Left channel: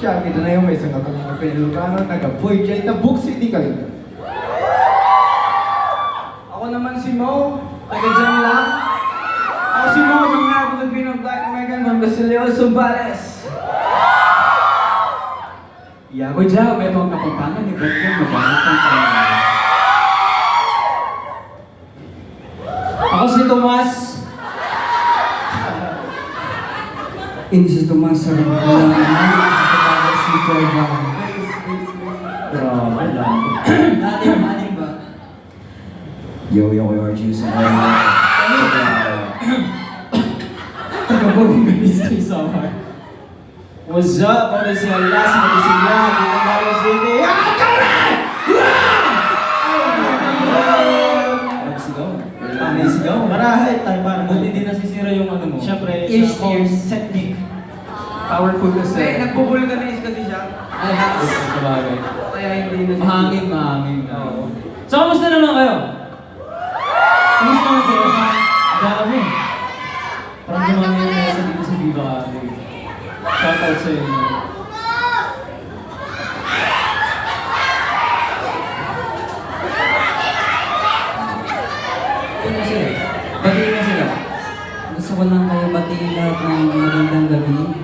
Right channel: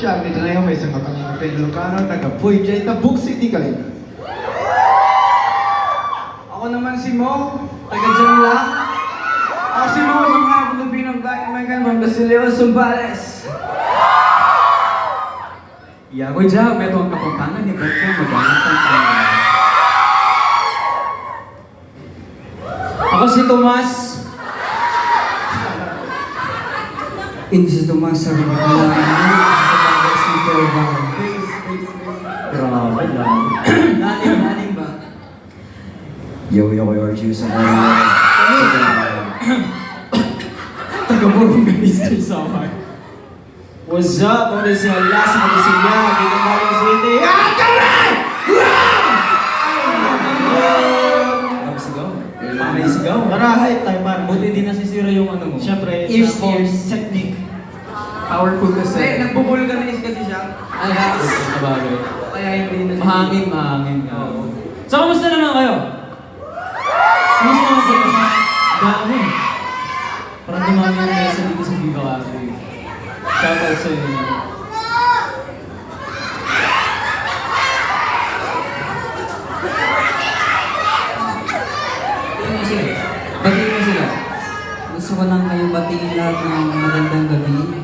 siya, kita na yung may isang katong mga Pedro Cano, taga-Puy, dyan na Book City, Kalinga. Ako naman si Mo, taga-dyan lang. Ako si Mo, sa mga Filipino Black American from Basilio, Zumbares. Yago dyan, beto ang kapampangan ni Berto, magalit ang pangalan. Ako si Tomas. Hindi si Tomas sa kabalang sa bagay si Kelvin. Grabe lang. Naling ba? Yo, you're juicing me. Taga-Borong Ministry Summer. What's up? Ako si Alas, ako si Yan, ako si Carlos City. Sigaw. Marahay tayo, man. Buti din nasisira yung ano mo. Siyempre, ears technique. Powerful kasi. Nagbubulganize kasi siya. Ay, sabagay. Kaya hindi na Mahangin nga. So, kamusta naman kayo? Kamusta naman kayo? Dami. Parang dumami na nasa dito sa Viva Cafe. Shoutout sa inyo. Batiin mo sila. Gusto ko lang kayo batiin lahat ng magandang gabi.